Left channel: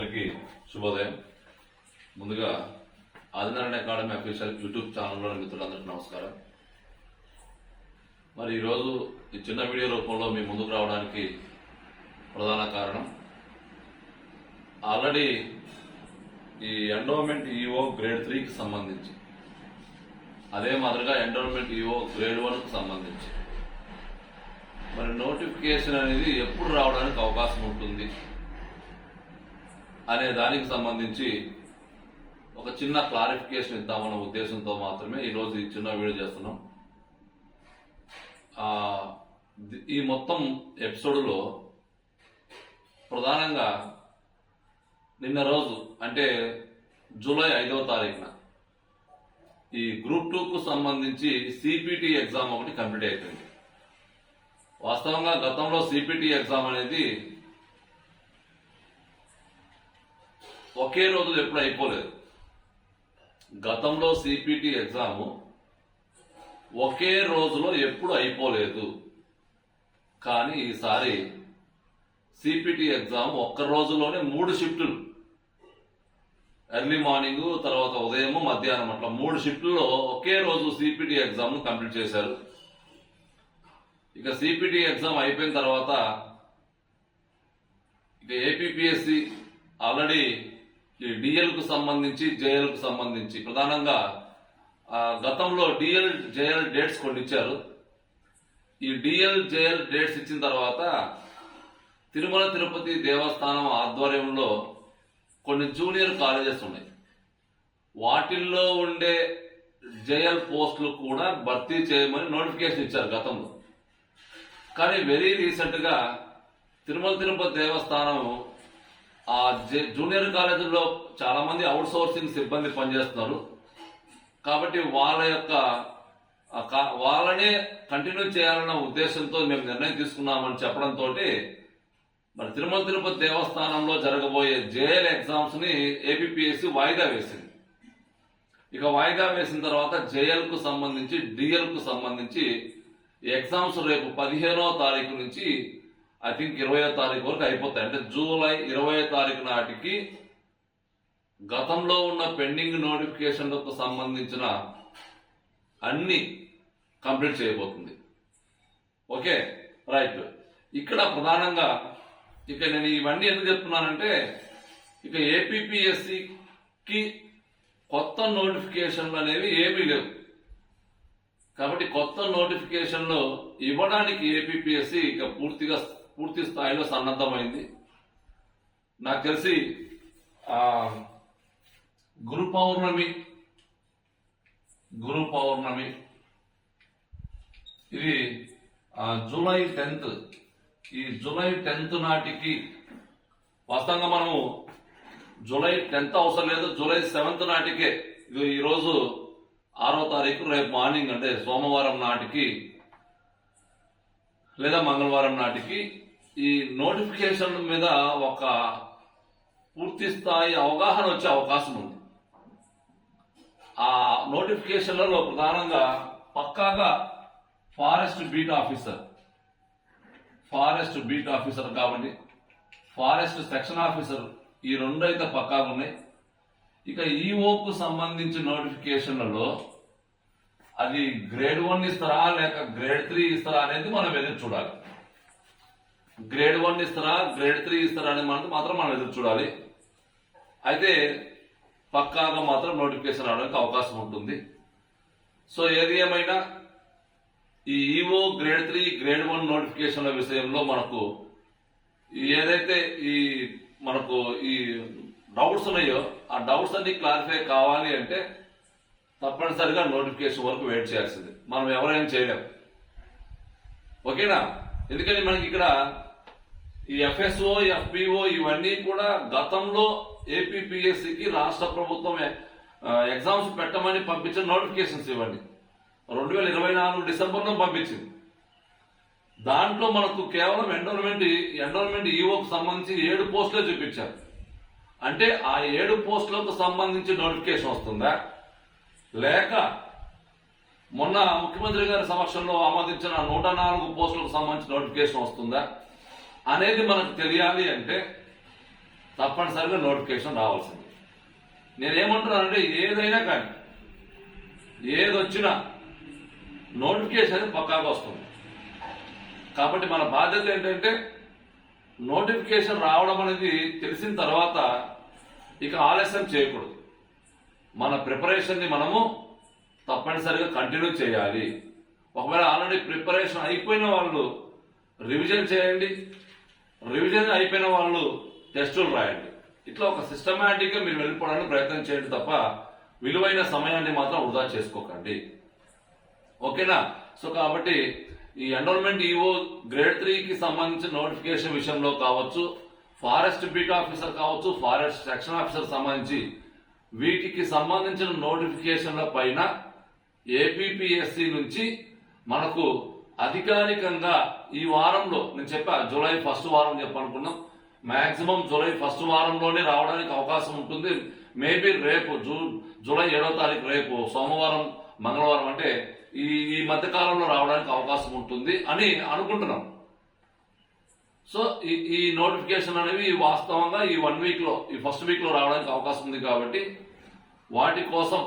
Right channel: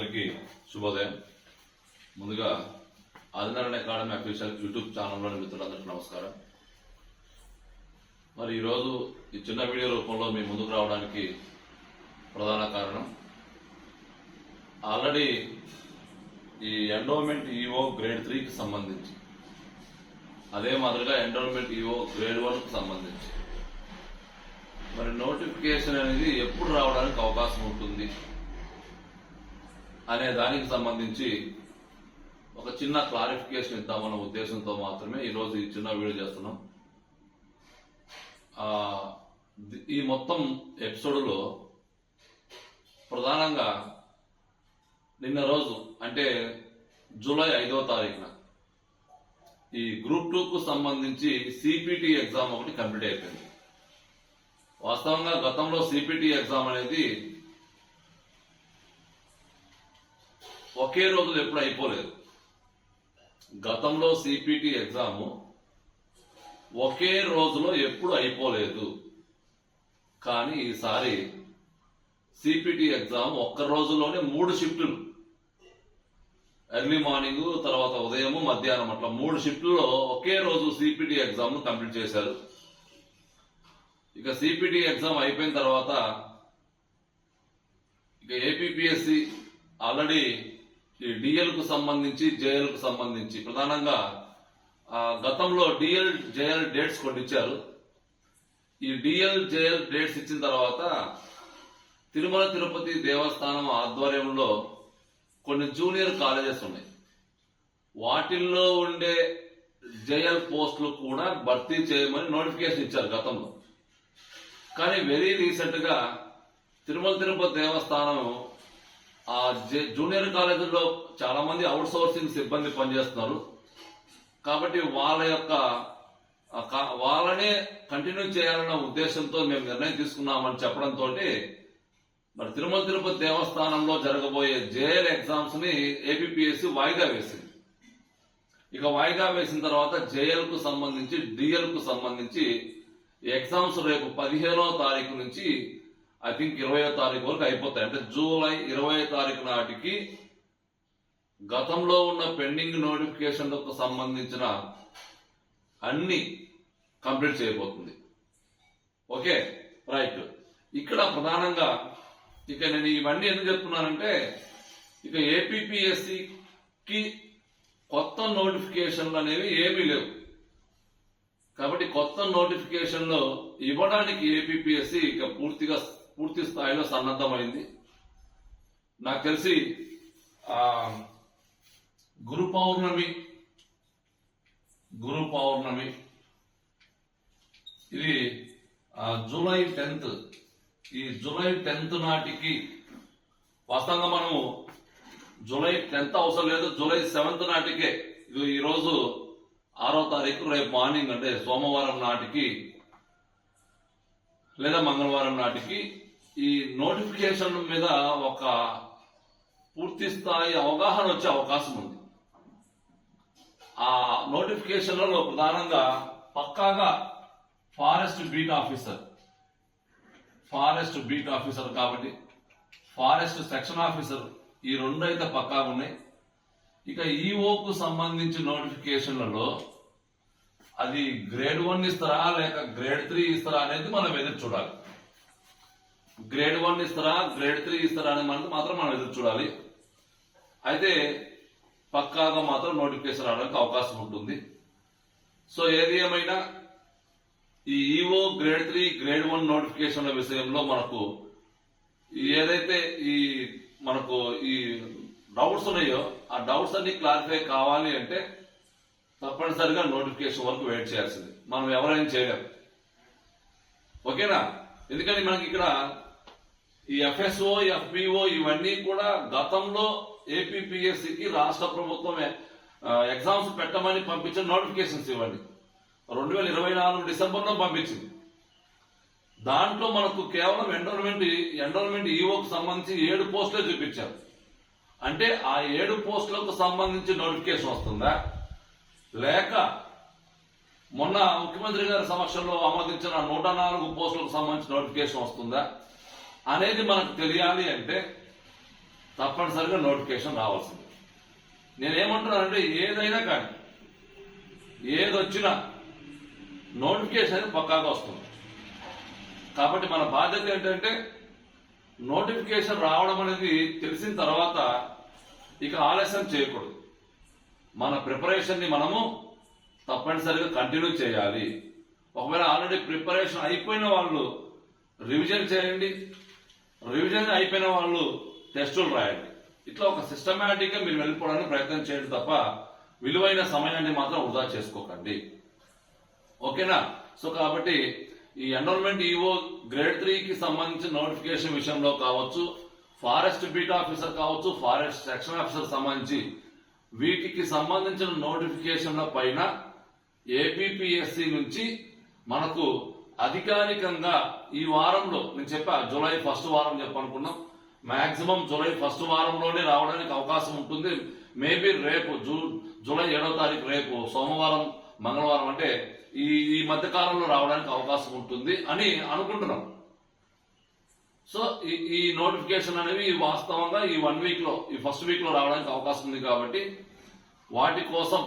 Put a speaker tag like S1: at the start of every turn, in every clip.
S1: అందరికీ శుభోదయం. ముందుగా ఆదినారాయణ అకాడమీ అఫీషియల్ యూట్యూబ్ ఛానల్లో మిత్రులందరికీ నమస్కారం. మరి ఈరోజు ఈ చిన్న వీడియో రూపంలో మీ ముందుకు రావడానికి ప్రధాన కారణం ఆల్రెడీ ఈ ఎండోమెంట్ ఈఓ గ్రేడ్ త్రీకి సంబంధించి అదే మాదిరిగా ఎండోమెంట్ ఈఓ గ్రేడ్ వన్కు సంబంధించి. మరి నోటిఫికేషన్ అనేది ఎప్పుడు రావడానికి అవకాశం ఉంటుంది? అనే దానికి సంబంధించి ఒక చిన్న క్లారిఫికేషన్ ఇద్దామన్న ఉద్దేశంతో మాత్రమే ఈరోజు ఈ చిన్న వీడియో చేస్తున్నాం. ఈ మొత్తం ఎపిసోడ్లో ప్రధానంగా నిన్న రోజు అంటే జూలై ఐదవ తారీఖున ఈ గ్రూప్ టూకు సంబంధించి సిపిటి ఎగ్జామ్ ఒకటి కంప్లీట్ అయిపోయింది. వాస్తవంగా గతంలో సిపిటి ఎగ్జామ్ అనేది ఒకే రోజు ఎప్పుడు అయిపోలేదు. గతంలో సిపిటి ఎగ్జామ్ ఒకే రోజులో ఎప్పుడు అయిపోలేదు. కానీ ఈసారి సిపిటి ఎగ్జామ్ ఒక్క రోజులోనే మూడు షిఫ్టులు. ఎర్లీ మార్నింగ్ తర్వాత ఉదయం మధ్యాహ్నం అట్లా మూడు షిఫ్టుల్లో ఒకే రోజు సిపిటి ఎగ్జామ్ కంప్లీట్ చేశారు. ఇక సిపిటి ఎగ్జామ్ అయిపోయిన తర్వాత ఇక ఏపీపీఎస్సి ఆల్రెడీ ఈ డిఎల్కు సంబంధించి జేఎల్కు సంబంధించి. ప్రధానంగా ఆ, గతంలో డిఎల్ జేఎల్ డేట్స్ కొన్ని ఇచ్చారు ఈ డిఎల్ జేఎల్ డేట్స్ ఇచ్చిన తర్వాత తిరుమల తిరుపతి దేవస్థానం ఆధ్వర్యంలో కొన్ని జూనియర్ కాలేజెస్ ఉన్నాయి. వాటిల్లో ఉండే జేఎల్ పోస్టులు కూడా భర్తీ చేయమని నోటిఫికేషన్ ఇచ్చారు గతంలో. కానీ వెరీ రీసెంట్గా తిరుమల తిరుపతి దేవస్థానం ఆ జూనియర్ కాలేజీల్లో చాలా మంది అవుట్ సోర్సింగ్ సిబ్బంది పనిచేస్తున్నారు. కాబట్టి వాళ్ళ యొక్క వాళ్ళనే కంటిన్యూ చేయాలన్న ఉద్దేశంతో మేము నిర్ణయం తీసుకున్నామని చెప్పడంతో మరి తిరుమల తిరుపతి దేవస్థానంలో జరగబోయే జేఎల్ ఎగ్జామ్స్ని ఏపీఎస్సి వాయిదా వేసింది. ఇక వాయిదా వేసిన తర్వాత జేఎల్కు సంబంధించి డిఎల్కు సంబంధించి ఎగ్జామ్స్ రేపు పదిహేనో తారీఖు నుంచి ఐ థింక్ ఇరవయో తారీఖు వరకు అయిపోతాయి. అంటే జూలై ఇరవై తారీఖు నాటికి గతంలో ఉన్న పెండింగ్ నోటిఫికేషన్లకు సంబంధించిన అన్ని కంప్లీట్ చేయబోతుంది. ఓకే? రైట్. ఇక్కడ ప్రధానంగా ఇక నేను ఇవన్నీ ఎందుకు చెప్తున్నానంటే ఇక ఏపీఎస్సికి కొత్త నోటిఫికేషన్లు అనేవి ఏమీ లేవు. కాబట్టి కొత్త నోటిఫికేషన్లు ఇవ్వడానికి ఏపీఎస్సి ఇక పూర్తిగా పూర్తి స్థాయిలో సన్నద్ధమైంది. నాకు తెలిసి గురు పౌర్ణమి గురు పౌర్ణమి ఇది జూలై టెన్త్ ఈ జూలై టెన్త్ నాటికి వాస్తవంగా మనము జూలై టెన్త్ అవసరం లేదు జూలై సెవెంత్ నాటికే ఇది ఈరోజు ఆరో తారీఖు రేపు మార్నింగ్ అంటే సోమవారం నాటికి లేదా మంగళవారం నాటికి ఈ నోటిఫికేషన్ మీద ఒక పూర్తి స్థాయి అవగాహన వచ్చే అవకాశం ఉంది. ఆ నోటిఫికేషన్లలో ప్రధానంగా పక్కాగా forest beat officer forest beat officer కాబట్టి ఫారెస్ట్ సెక్షన్ ఆఫీసర్ ఈ రెండు అయితే పక్కాగా ఉన్నాయి. ఇక ఈఓకు సంబంధించిన నోటిఫికేషన్లలో అది గ్రేడ్ వన్ ఇస్తారా లేక గ్రేడ్ త్రీ ఇస్తారా అనేది మనం ఎదురు చూడాలి. గ్రేడ్ వన్ ఇస్తారా గ్రేడ్ త్రీ ఇస్తారా అని మనకు మాత్రం మనం ఎదురు చూడాలి. అయితే పక్కాగా మాత్రం నోటిఫికేషన్ రావడానికి అవకాశం ఉంటుంది. సో ఏది ఏమైనా ఈ EO grade three grade one నోటిఫికేషన్ల విషయంలో మనకు ఏదైతే ఈ మనకు ఈ డౌట్స్ ఉన్నాయో ఆ డౌట్స్ అన్ని క్లారిఫై కావాలి అంటే తప్పనిసరిగా నోటిఫికేషన్ వరకు వెయిట్ చేయాల్సింది. మనం ఎవరైనా చేయలేము ఓకేనా? ఎందుకంటే మనకి ఇక్కడ ఈ ఎఫ్ఎస్ఓ ఎఫ్పిఓ ఇవన్నీ కూడా గతంలో ఏపీపీఎస్సికి రాష్ట్ర ప్రభుత్వం ఎగ్జామ్స్ పెట్టమని పంపించిన నోటిఫికేషన్స్ ఇవ్వండి రెండు వేల ఇరవై నాలుగు డిసెంబర్లో పంపించింది. దాంట్లో మనకు కేవలం ఎండోర్మెంట్ ఎండోర్మెంట్ ఈఓకు సంబంధించి ఏడు పోస్టులే చూపించారు. అంటే ఆ ఏడు పోస్టులకు సంబంధించి నోటిఫికేషన్ వస్తుందా? లేక మొన్న ముఖ్యమంత్రి గారి సమక్షంలో ఆమోదించిన నూట నాలుగు పోస్టులకు సంబంధించిన నోటిఫికేషన్ వస్తుందా? అనేది మనకు తెలియాలి అంటే తప్పనిసరిగా నోటిఫికేషన్ రావాల్సింది. నేనేమంటున్నానంటే ఏదైనా కానీ ఏదొచ్చినా నోటిఫికేషన్ అనేది పక్కాగా వస్తుంది. కాబట్టి మన బాధ్యత ఏంటంటే నోటిఫికేషన్ రావడం అనేది తెలిసిన తర్వాత ఇక ఆలస్యం చేయకూడదు. మన ప్రిపరేషన్ని మనము తప్పనిసరిగా కంటిన్యూ చేయాలి. ఒకవేళ ఆల్రెడీ ప్రిపరేషన్ అయిపోయిన వాళ్ళు రివిజన్ చేయండి. రివిజన్ అయిపోయిన వాళ్ళు టెస్టులు రాయండి. ఇట్లా ఒక సిస్టమేటిక్గా మీరు వెళ్ళిపోవడానికి ప్రయత్నం చేయండి తప్ప విలువైన సమయాన్ని మాత్రం వృధా చేసుకోకండి. ఓకేనా? సో కాబట్టి ఈ ఎన్రోల్మెంట్ ఈఓ గ్రేడ్ త్రీకి సంబంధించిన నోటిఫికేషన్ విషయంలో కావచ్చు ఫారెస్ట్ బీట్ ఆఫీసర్ కావచ్చు ఫారెస్ట్ సెక్షన్ ఆఫీసర్ సంబంధించి వీటికి సంబంధించిన నోటిఫికేషన్ల పైన ఏపీపీఎస్సి నుంచి మనకు అధికారికంగా ఈ వారంలో నేను చెప్పా జూలై ఫస్ట్ వారం చెప్పనుకున్నాం మాక్సిమం జూలై ఫస్ట్ వారంలోనే రావడానికి అవకాశం ఉంటుంది. మేబీ రేపు జూ జూలై ఏడో తారీఖు రేపు సోమవారం మంగళవారం అంటే ఈ ఈ మధ్య కాలంలో రావడానికి అవకాశం ఉంటుంది అని అనుకుంటున్నాం. సో ఈ ఈ నోటిఫికేషన్ అనేవి వాస్తవంగా ఈ వన్ వీక్లో ఈ ఫస్ట్ వీక్లో రావడానికి అవకాశం ఉంది కాబట్టి వాటి కోసం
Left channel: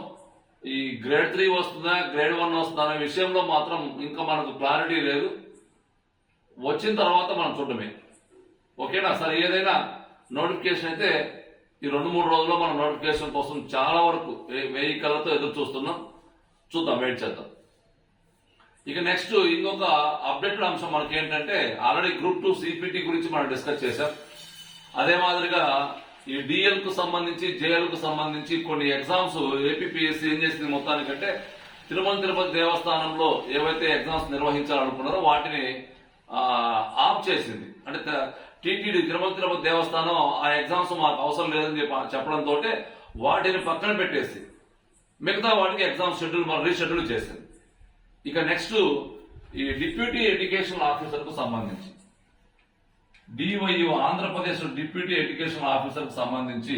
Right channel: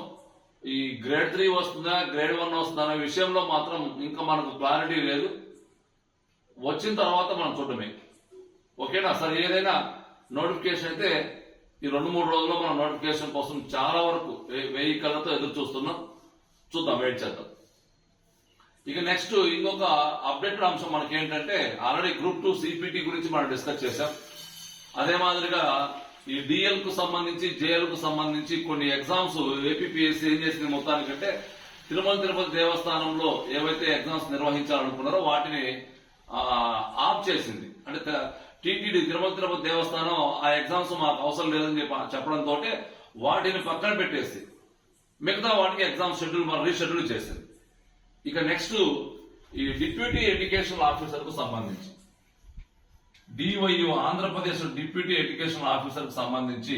S1: ఈ గ్రేడ్ త్రీ వస్తుందా గ్రేడ్ వన్ వస్తుందా అనే విషయంలో మాత్రం ఇంకా మనకు క్లారిటీ లేదు. వచ్చిన తర్వాత మనం చూడమే ఓకేనా? సరే ఏదైనా నోటిఫికేషన్ అయితే ఈ రెండు మూడు రోజుల్లో మనం నోటిఫికేషన్ కోసం చాలా వరకు వే- వెయ్యి కళ్ళతో ఎదురు చూస్తున్నాం. చూద్దాం వెయిట్ చేద్దాం. ఇక నెక్స్ట్ ఇంకొక అప్డేటెడ్ అంశం మనకి ఏంటంటే ఆల్రెడీ గ్రూప్ టూ సిపిటి గురించి మనం డిస్కస్ చేశాం. అదే మాదిరిగా ఈ డిఎల్కు సంబంధించి జేఎల్కు సంబంధించి కొన్ని ఎగ్జామ్స్ ఏపీఎస్సీ ఏం చేసింది మొత్తానికంటే తిరుమల తిరుపతి దేవస్థానంలో ఏవైతే ఎగ్జామ్స్ నిర్వహించాలనుకున్నారో వాటిని ఆఫ్ చేసింది. అంటే టీటీడీ తిరుమల తిరుపతి దేవస్థానం ఆ ఎగ్జామ్స్ మాకు అవసరం లేదని చెప్పి చెప్పడంతో వాటిని పక్కన పెట్టేసి మిగతా వాటికి ఎగ్జామ్ షెడ్యూల్ మనం రీషెడ్యూల్ చేసింది. ఇక నెక్స్ట్ ఈ డిప్యూటీ ఎడ్యుకేషన్ ఆఫీసర్కు సంబంధించి. డివైయు ఆంధ్రప్రదేశ్ డిప్యూటీ ఎడ్యుకేషన్ ఆఫీసర్కి సంబంధించి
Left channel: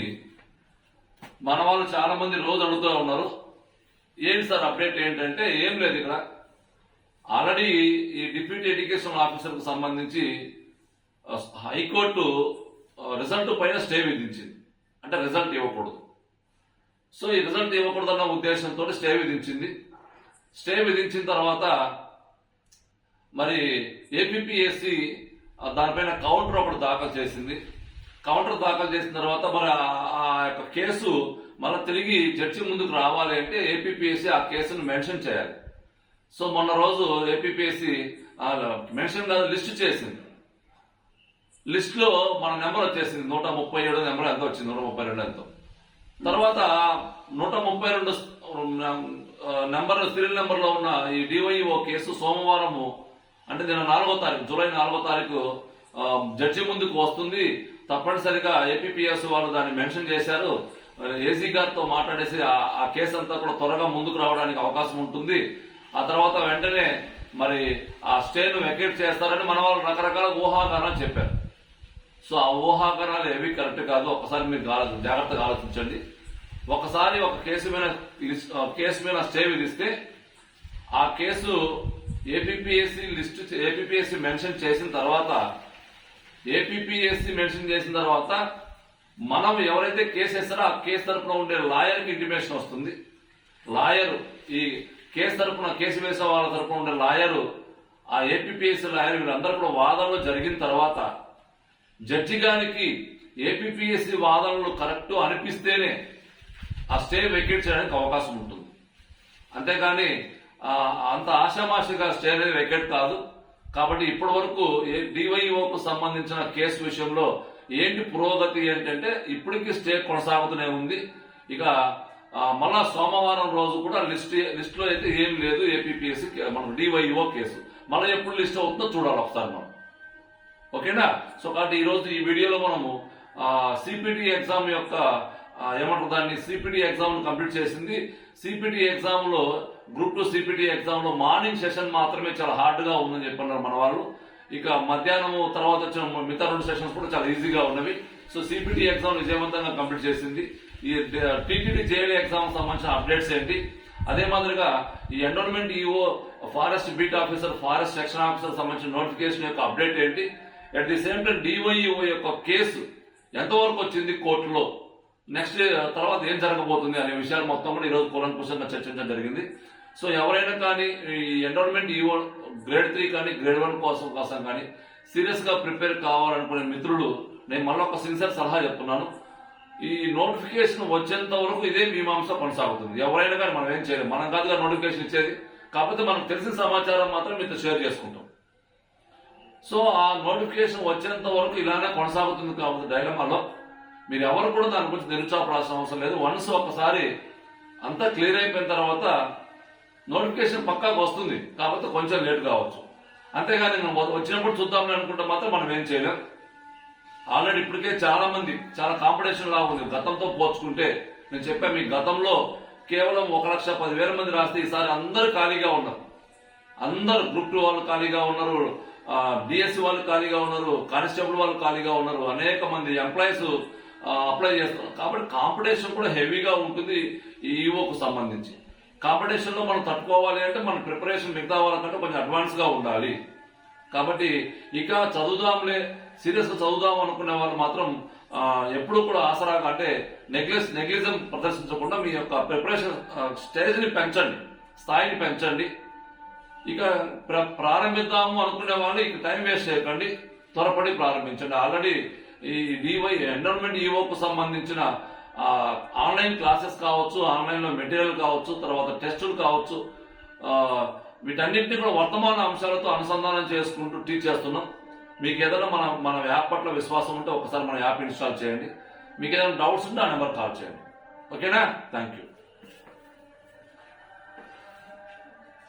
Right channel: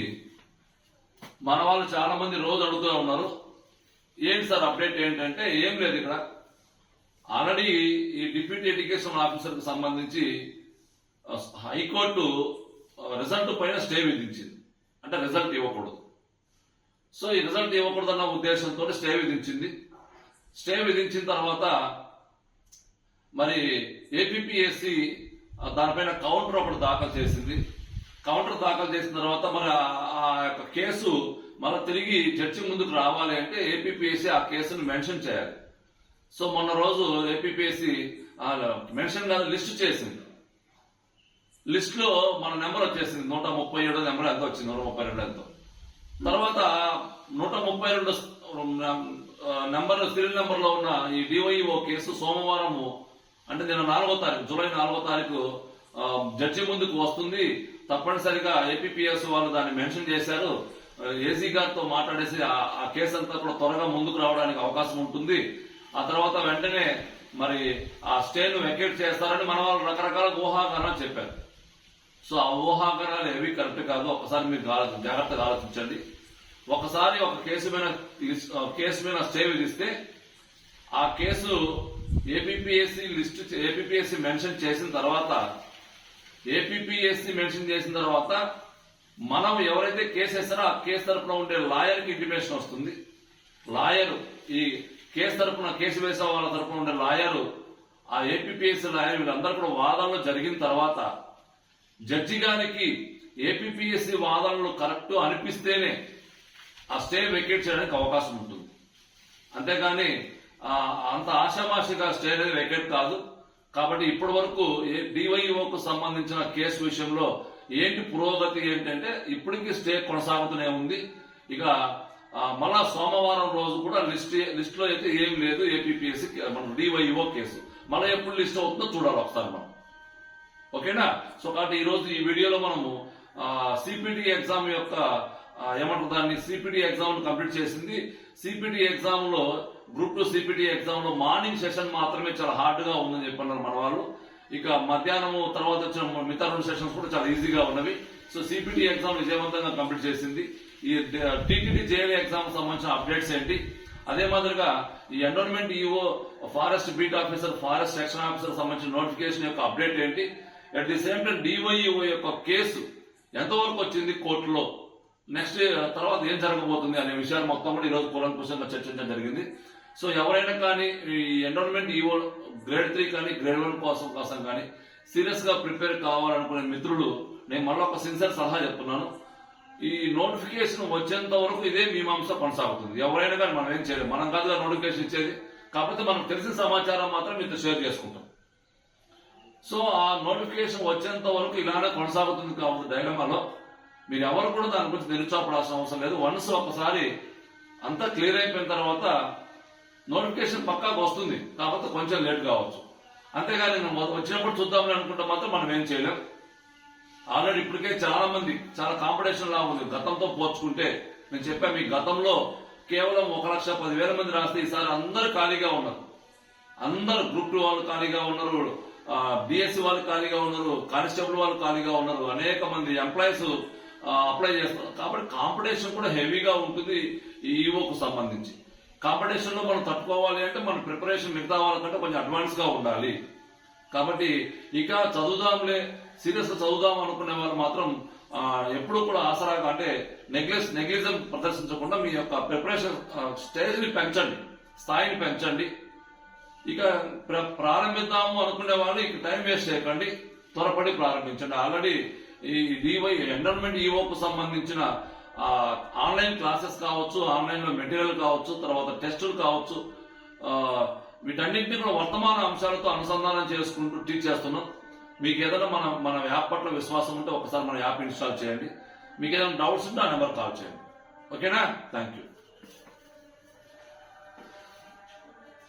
S1: మన వాళ్ళు చాలా మంది రోజు అడుగుతూ ఉన్నారు. ఏంటి సార్ అప్డేట్ ఏంటంటే ఏం లేదు ఇక్కడ. ఆల్రెడీ ఈ డిప్యూటీ ఎడ్యుకేషన్ ఆఫీసర్కు సంబంధించి హైకోర్టు రిజల్ట్ పైన స్టే విధించింది. అంటే రిజల్ట్ ఇవ్వకూడదు. సో ఈ రిజల్ట్ ఇవ్వకూడదు అన్న ఉద్దేశంతో స్టే విధించింది. స్టే విధించిన తర్వాత మరి ఏపీఎస్సి దానిపైన కౌంటర్ ఒకటి దాఖలు చేసింది. కౌంటర్ దాఖలు చేసిన తర్వాత మరి ఆ- యొక్క కేసు మళ్ళీ తిరిగి చర్చి ముందుకు రావాలి అంటే ఏపీపీఎస్సీ ఆ కేసును మెన్షన్ చేయాలి. సో మొన్న రోజు ఏపీపీఎస్సీ మెన్షన్ కాదు లిస్ట్ చేసింది. లిస్ట్లో మన నెంబర్ వచ్చేసింది. నూట ముప్పై ఏడు నెంబర్ ఎంత వచ్చింది. నూట ముప్పై రెండు ఎంతో. తర్వాత నూట ముప్పై రెండు నెంబర్ సీరియల్ నెంబర్లో ఉన్న ఈ డివైఓ కేసు సోమవారము అంటే నేను నాలుగో తారీఖు జూలై నాలుగో తారీఖు జడ్జి ముందుకు వస్తుంది. తప్పనిసరిగా ఏపీఎస్ వాళ్ళు దాన్ని మెన్షన్ చేశారు. ఏసీ గారితో మాట్లాడేసి ఆ- కేసు అంతా కూడా త్వరగా ముందుకు రావడానికి అవకాశం ఉంటుంది. ఆ తర్వాత వెంటనే మరి ఆ స్టేను వెకేట్ చేస్తారని మన వాళ్ళు రకరకాల ఊహాగానాలు చెప్పారు. సో ఆ ఊహాగానాలు ఏవి కరెక్ట్ కాదు. ఒకసారి మీరు జాగ్రత్తగా ఆలోచించండి. ఒకసారి ఒక కేసు మీద కేసు మీద స్టే విధిస్తే ఆ case APSC list APSC mention చేసిన తర్వాత ఏపీఎస్సి మెన్షన్ చేసిన తర్వాత మనం ఎవరైతే కేసు వేస్తారో ఆ కేసు తరపున ఉండే లాయర్కి ఇంటిమేషన్ వస్తుంది. లాయర్ ఈ కేసు తరపున కేసు వేసే వాళ్ళ తరపున ఉండే లాయరు ఆ ఏపీఎస్సి లాయర్ వీళ్ళందరూ కూడా వాదనలు జరిగిన తర్వాత జడ్జి గారికి ఏపీఎస్సి వాదనలు కరెక్ట్ అనిపిస్తేనే ఆ స్టే వెకేట్ చేయడానికి అవకాశం ఉంటుంది. అంతేగాని అంత ఆషామాషిగా స్టే అనేది వెకెట్ కాదు. కాబట్టి ఇప్పటి వరకు డివైఓకు సంబంధించిన కేసు విషయంలో ఏంటి పురోగతి ఏంటంటే ఇప్పటికీ స్టే కొనసాగుతూనే ఉంది. ఇక మళ్ళా సోమవారం రోజు కూడా లిస్ట్ లిస్ట్లో అయితే ఏం లేదు ఏపీపీఎస్సి మనకు డివైఓ కేసు. మళ్ళీ ఎప్పుడు లిస్ట్ అవుతుందో చూడాలి ఒకసారి మనం. ఓకేనా? సో కాబట్టి ఈరోజు ఈ వీడియోలో మనము సిపిటి ఎగ్జామ్ యొక్క ఏమంటారు దాన్ని? సిపిటి ఎగ్జామ్ కంప్లీట్ చేసింది. సిపిటి ఎగ్జామ్లో గ్రూప్ టూ సిపిటి ఎగ్జామ్లో మార్నింగ్ సెషన్ మాత్రమే చాలా హార్డ్గా ఉందని చెప్పన్నారు మన వాళ్ళు. ఇక మధ్యాహ్నం తర్వాత వచ్చిన మిగతా రెండు సెషన్స్ కూడా చాలా ఈజీగా ఉన్నవి. సో సిపిటి ఎగ్జామ్ విజయవంతంగా కంప్లీట్ చేసింది. ఈ టీటీడీ జేఏడీ ఎగ్జామ్ సంబంధించిన అప్డేట్స్ ఏంటి? అదే మాదిరిగా ఈ environment EO forest beat officer forest section officer సంబంధించిన నోటిఫికేషన్ యొక్క అప్డేట్ ఏంటి? At the same time DYEO యొక్క కేసు ఎంతవరకు వచ్చింది కోర్టులో? నెక్స్ట్ తర్వాత ఏం జరగబోతుంది అనే విషయాలు మొత్తం కూడా ఈరోజు కూలంకుషంగా చర్చించడం జరిగింది. సో ఎవరైనా కానీ ఈ ఎన్రోల్మెంట్ ఈవో గ్రేడ్ త్రీ కానీ గ్రేడ్ వన్ కోసం కోసం కానీ సీరియస్గా ప్రిపేర్ కావాలనుకునే మిత్రులు నేను మళ్ళీ ఒక సిన్సియర్ సలహా చెప్తున్నాను. ఈ నోటిఫికేషన్ వచ్చేంత వరకు ఇదే మీమాంస కొనసాగుతుంది. ఎవరైనా కానీ మనం ఏం చేయలేం. మనం కాదుగా నోటిఫికేషన్ ఇచ్చేది. కాకపోతే మనకు తెలిసిన సమాచారం మాత్రం మీతో షేర్ చేసుకుంటాం. సో ఆ నోటిఫికేషన్ వచ్చేంత వరకు ఇలానే కొనసాగుతుంది కాబట్టి డైలమాలో మీరు ఎవరు కూడా దాని గురించి నిరుత్సాహపడాల్సిన అవసరం లేదు. వన్స్ ఒకసారి అంతా క్లియర్ అయిపోయిన తర్వాత నోటిఫికేషన్ పక్కాకు వస్తుంది. కాకపోతే కొంచెం లేట్ కావచ్చు. అంతేగాని నేను వచ్చినప్పుడు చూద్దామని అనుకుంటే మాత్రం మనం ఏం చేయలేం. ఆల్రెడీ ఇప్పటికే చాలా మంది చాలా కాంపిటీషన్ లాగా ఉంది. గతంతో పోల్చుకుంటే నేను చెప్పాను మీ గతంలో కేవలం ఒక లక్ష పదివేల మంది రాస్తే ఈసారి అందరూ ఖాళీగా ఉన్నారు. అందరు గ్రూప్ టూ వాళ్ళు ఖాళీగా ఉన్నారు డిఎస్సి వాళ్ళు ఖాళీగా ఉన్నారు కానిస్టేబుల్ వాళ్ళు ఖాళీగా ఉన్నారు. అనేక మంది ఎంప్లాయీస్ అప్లై చేస్తున్నారు కాబట్టి కాంపిటీషన్ కూడా హెవీగా ఉంటుంది ఈఓకు సంబంధించి. కాంపిటీషన్లో మనం తట్టుకోవాలి అంటే మన ప్రిపరేషన్ మిగతా వాళ్ళకంటే కొంచెం అడ్వాన్స్గా ఉండాలి. కాబట్టి ఇక చదువుదాంలే సీరియస్గా చదువుదాం అనుకునే వాళ్ళు మాత్రం ఎప్పుడూ కూడా ఆసరాగా అంటే నెగ్లెస్ నెగ్లిజం ప్రదర్శించకుండా మీ యొక్క ప్రిపరేషన్ స్టేజ్ని పెంచండి స్థాయిని పెంచండి. ఇక ప్ర- ప్రారంభిద్దాము అనుకునే వాళ్ళు ఇక టైం వేస్ట్ చేయకండి త్వరపడి ప్రారంభించండి. ఆల్రెడీ ఈ డివై ఎండోన్మెంట్ ఈవోకు సంబంధించిన ఆన్లైన్ క్లాసెస్ కావచ్చు ఆన్లైన్లో మెటీరియల్ కావచ్చు తర్వాత టెస్టులు కావచ్చు వీటన్నింటినీ కూడా వర్తమాన అంశాలతో అనుసంధానం చేసుకుంటూ టీచ్ చేస్తున్నాం. మీకు ఏదైనా మన మన యాప్ పట్ల విశ్వాసం ఉంటే ఒకసారి మన యాప్ ఇన్స్టాల్ చేయండి. మీకు ఏదైనా డౌట్స్ ఉంటే ఆ నెంబర్ కాల్ చేయండి. ఓకేనా? Thank you